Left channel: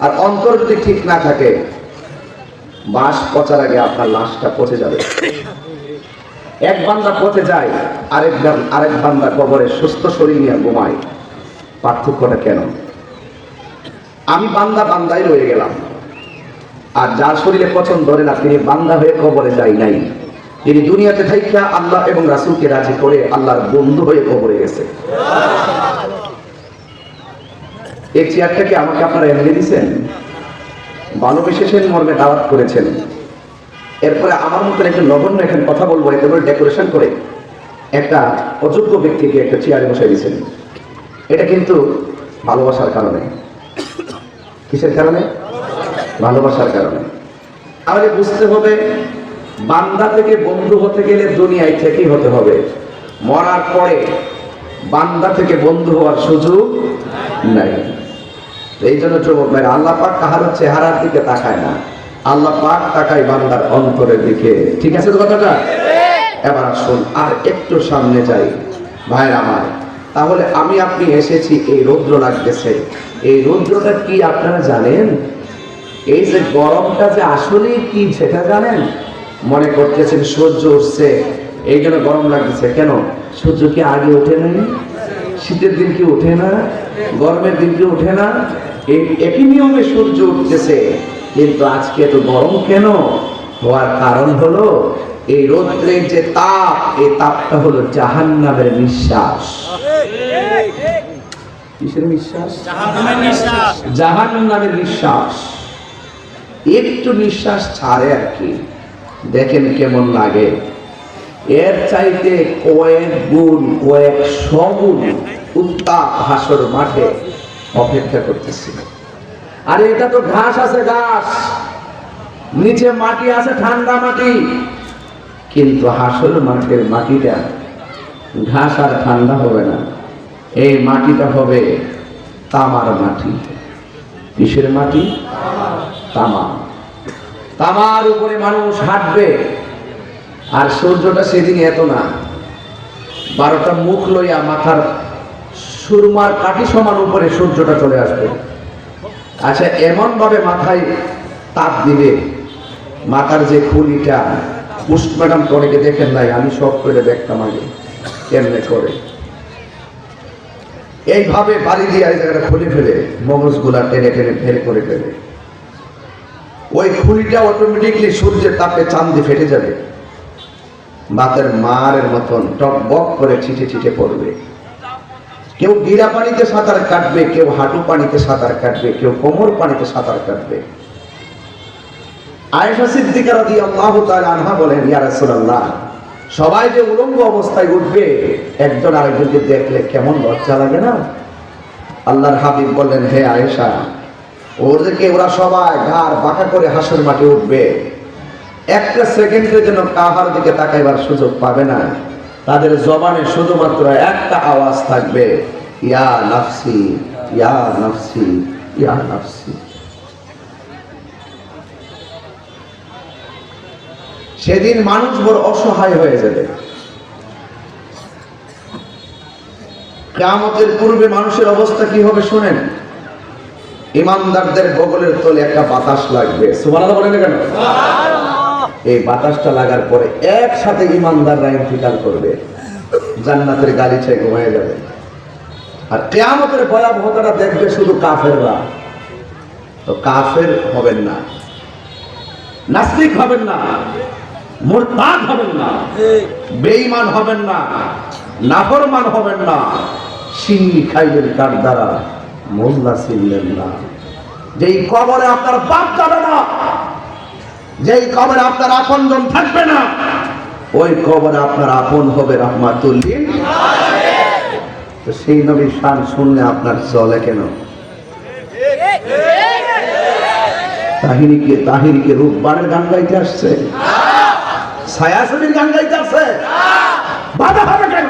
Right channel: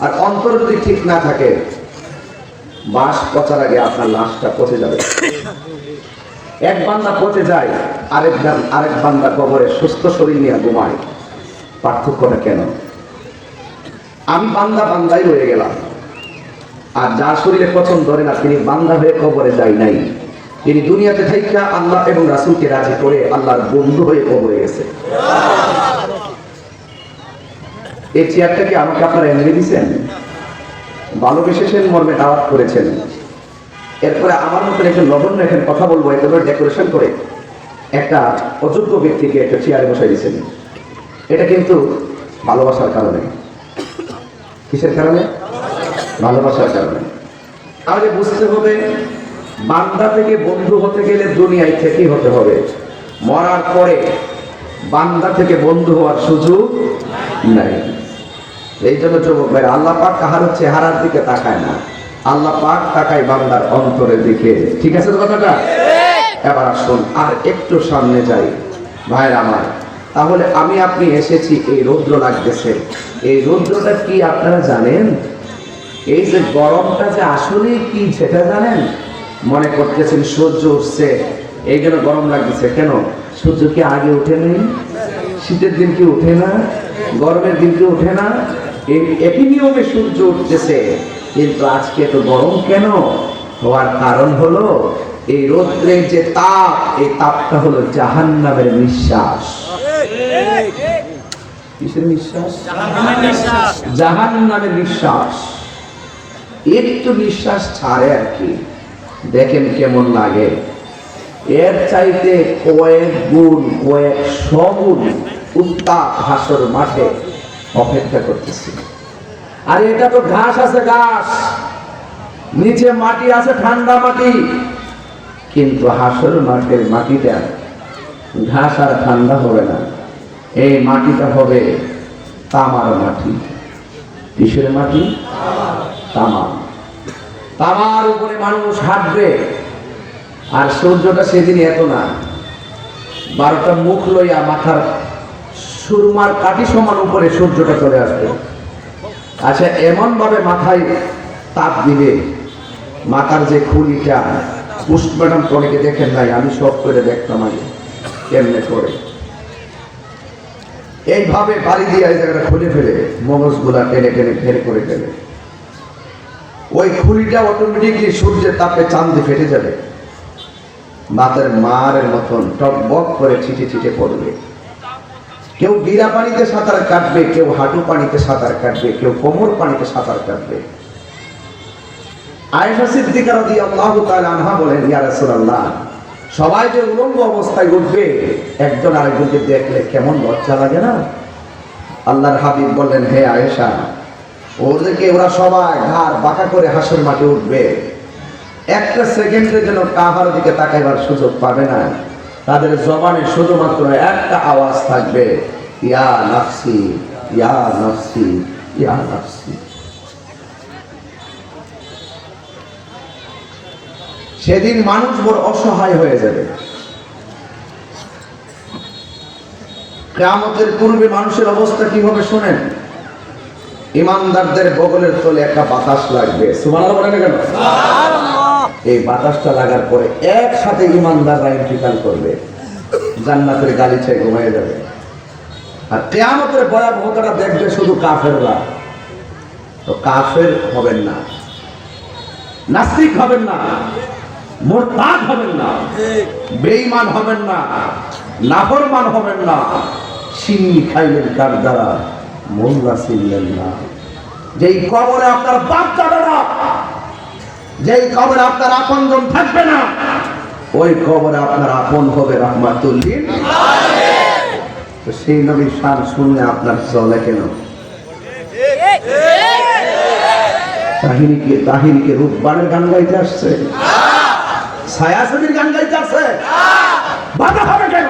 আর অন্তর যদি ঠিক না থাকে বাঁশ পচার আগে আপনার লাশটা পচে যাবে। এক বান্দা পচে যায়, আরেক আরেক বান্দা কবরে সুস্থ শরীর নিয়ে ঘুমায়। পার্থক্যটা কেন? আমি বান্দা বান্দাই রয়ে গেলাম। আর যার শরীরে পছন্দ ধরে না, তিনি বান্দা হয়ে কবরে যাই নাই। তিনি দুনিয়াতে থাইকা আল্লাহ এবং রাসুলকে রাজি করে আল্লাহর বন্ধু হয়ে কবরে গেছে। এই চেয়ারটাকে আমাকে আপনারা এনে দিয়েছেন। ভালোবেসেছেন মর্মে দাওয়াত করেছেন। এরপরে আমার মতন একজন নগণ্য এখানে কথা বলব একেবারে ডেকোরেশন করে একটা অযোগ্য ব্যক্তিকে একটা চেয়ারে বসাই দিয়েছেন। এটা কিন্তু ভালোবাসার কারণে। কিসের কারণে? ভালোবাসার কারণে। তাহলে বুঝতে হবে, বান্দা থেকে বন্ধু হতে গেলে দুনিয়ায় থেকেই হতে হবে। মরার পরে বান্দা থেকে বন্ধু হওয়ার সুযোগ নাই। এই জন্য যুবক ভাই আল্লাহ পাক কাহার চেহারার দিকে তাকায় না। আল্লাহ পাক তাকায় বান্দার অন্তরের দিকে। ঠিক আছে তো কথাটা? এবার আসুন, আর একটু সামনে যাই। ভাইয়ের আমার, তাহলে আমি আপনি এসেছি, এই রৌদ্র লাগতেছে। এই রৌদ্রটা কি আপনারা জানেন? এই যে গরমটা যে আসলে কি, সেটা জানেন? মনে করতেছেন সূর্য উঠছে, এই জন্য গরম লাগতেছে। কেন? সূর্য কি আগে ওঠে নেই? শীতের দিন কি ওঠে না? গরমের দিন কি ওঠে না। একই নিয়মে সূর্য উঠতেছে। কিন্তু আজকে এত গরম কেন? হওয়ার কারণ হলো এই রৌদ্রের যে তাপ এই তাপটা হলো জাহান্নামের নিঃশ্বাস। কিসের নিঃশ্বাস? জাহান নামের নিঃশ্বাস। একটু নিঃশ্বাস ছাড়ে আর কি। দেখেন কেমন লাগে। এর চাইতে কয়েক গুণ কয়েক সগুণ উত্তাপ হাসর মাঠে অপেক্ষা করতেছি। আর এটা তো ঘাস আছে, ঘাস। নিচে মাটি আছে, ঠান্ডা মাটি। কিন্তু হাসর মাঠের মাটিটা ঘাস আর ঠান্ডা হবে না। এই মাটিটা হবে তামার মাটি। কিসের মাটি? তামা। তামার উপরে মানুষ হাঁটবে, আর সূর্যটা সেদিন এত না। বারোটা মুখ লইয়া মাথার সুরমার কাটি সমান উপরে সূর্যটা চলে আসবে। আচ্ছা এমন ভাবে মাথায় তাপ দিবে, মাথার যে খুলিটা পুষ্ট ম্যাডাম অনেকে দেখেন নাই, আমি সব করে দেখতাম আগে, কেমনে করে। এইভাবে বাড়ি দিয়ে এই জায়গাটা খুলে ফেলে, মগজগুলা টেনে টেনে বের করে ফেলে। ওই খুলিটা অটোমেটিকলি সূর্যের তাপে চান্দে ফেটে যাবে। বাতের মারের মতন টক বক করে ছিটে ছিটে পড়বে। কেউ গিরা পানিতে সাঁতার কাটবে, কেউ হাঁটু পানিতে সাঁতার কাটবে, কেউ কোমর পানিতে সাঁতার কাটবে। আয়েশা সিদ্দিকা রাদিয়াল্লাহু তাআলা আনহা বলেন, ইয়া সবাই যে উলঙ্গ অবস্থায় উঠবে, একজন আরেকজনকে দেখলে কেমন লজ্জা লাগে না? আল্লাহর হাবিব বললেন, হে আয়েশা, ওদেরকে ওরা সবাই ঘাড় বাঁকা করে হাসর মাঠে উঠবে। একটা সেকেন্ডের জন্য কাহার দিকে তাকাইবার সুযোগ পাবে না। তাদের জবানে শুধুমাত্র একটা আওয়াজ থাকবে, ইয়া নাফসি ইয়া নাফসি ইয়া নাফসি। সেদিন মানুষ বড় অসহায় হয়ে যাবে। কেয়ামতের পূর্বে মানুষের অবস্থা কি হবে শুনেন। ইমানদারদের বগলের তলে একটা বাতাস লাগবে। সুবহানাল্লাহ বলেন কেন? এই বাতাসটা লাগার পরে একসাথে ইমানদাররা ইন্তিকাল করবে। জান্নাতের গালিচায় ঘুমিয়ে যাবে। আর কেয়ামতের ভয়াবহতাটা দেখবে শুধু কাফেররা। তো কাফের হবেন না। নাস্তিক হবেন না। মোরতাদ হবেন না। বেঈমান হবেন না। নাফরমান হবেন না। সিন্নি খাইলেন কার দ্বারা? মোল্লা ছিলেন না। যেই কবরে আপনার বাপ যাবে না যেই কবরে আপনার আপনজন থাকবে না, ওই কবরে আপনার আপন হবে রহমাতুল্লিন সেই নবীর শান শুনলে আপনার চলে কেন? তাহিনীকে তাহিনীকে রূপবানের গান গাইতে আসছে? ছায়াছবির গান গাইতে আসছে? বাধা হবে কেন?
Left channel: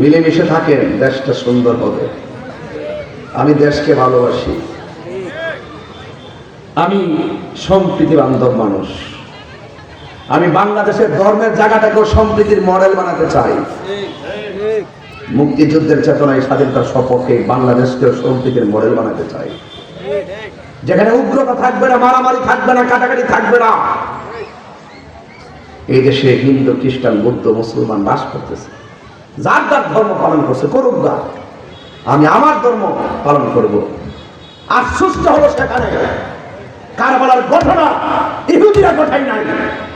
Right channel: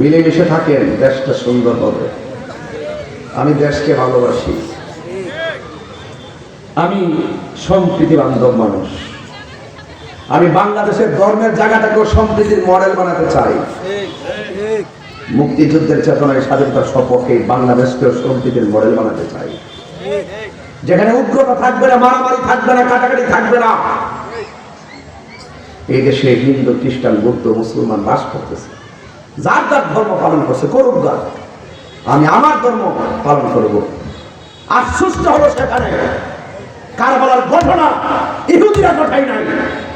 মিলেমিশে থাকেন, দেশটা সুন্দর হবে। আমি দেশকে ভালোবাসি। আমি সম্প্রীতি বান্ধব মানুষ। আমি বাংলাদেশের ধর্মের জায়গাটাকেও সম্প্রীতির মডেল বানাতে চাই। মুক্তিযুদ্ধের চেতনায় স্বাধীনতার সপক্ষে বাংলাদেশকে সম্প্রীতির মডেল বানাতে চাই। যেখানে উগ্রতা থাকবে না, মারামারি থাকবে না, কাটাকাটি থাকবে না। এই দেশে হিন্দু, খ্রিস্টান, বৌদ্ধ, মুসলমান বাস করতেছে। যার যার ধর্ম পালন করছে, করুক গা। আমি আমার ধর্ম পালন করব। আশ্চর্য হলো সেখানে। কারবালার ঘটনা ইহুদিরা ঘটাই নাই।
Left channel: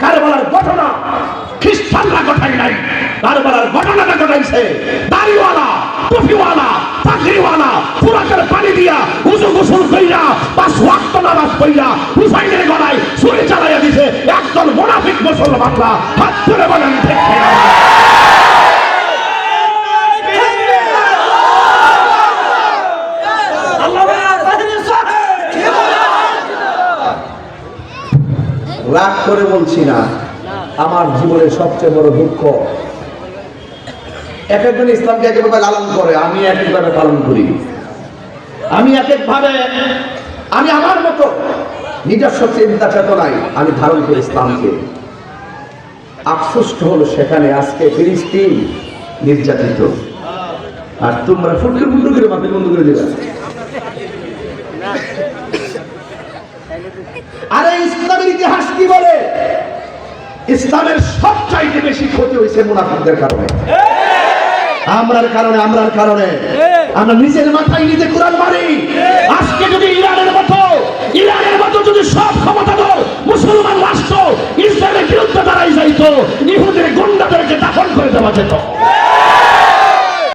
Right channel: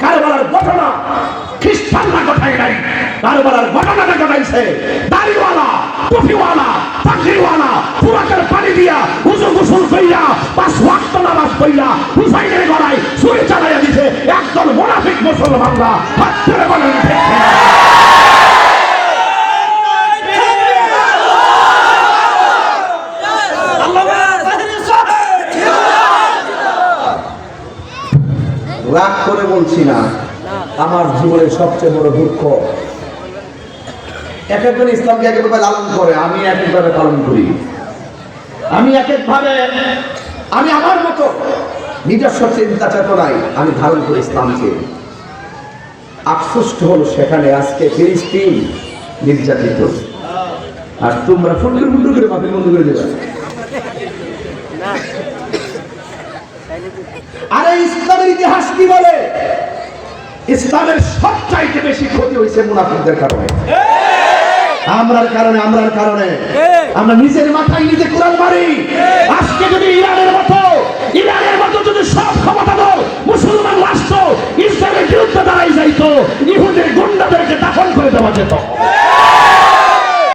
কারবালার ঘটনা খ্রিস্টানরা ঘটাই নাই। কারবালার ঘটনাটা ঘটাইছে দাড়িওয়ালা, টুপিওয়ালা, পাগড়িওয়ালা পুরাকের পানি দিয়া উজু গোসল কইরা, পাঁচ ওয়াক্ত নামাজ কইরা হুসাইনের গলায় ছুরি চালাইয়া দিছে। একদল মোনাফিক মুসলমানরা হাত ধরে বলেন ঠিক কিনা? রাগ বলছি না। আমার জীবনের সবচেয়ে বড় দুঃখ। এক একজন ইসলামকে এক একভাবে লালন করে, আমি এক একভাবে পালন করি। আমি এক একভাবে, আমি আমার মতো নিজস্ব চিন্তা চেতনায় আমি ধারণ করি ইসলামকে। আফসোস হলো সেখানে আজকে ফিলিস্তিন নির্যাতিত। আর তোমরা ফুটলে বন্ধ করে ভাবে বন্ধ করে দেবে আরে ইসলামের ইতিহাস কি বলে? ইসলামের সবচাইতে বেশি ক্ষতি হয়েছে মুনাফিকদের কারণে। আমরার কারণে আমরার কারণে। আমরা নিজের মাথায় নিজে কোরআন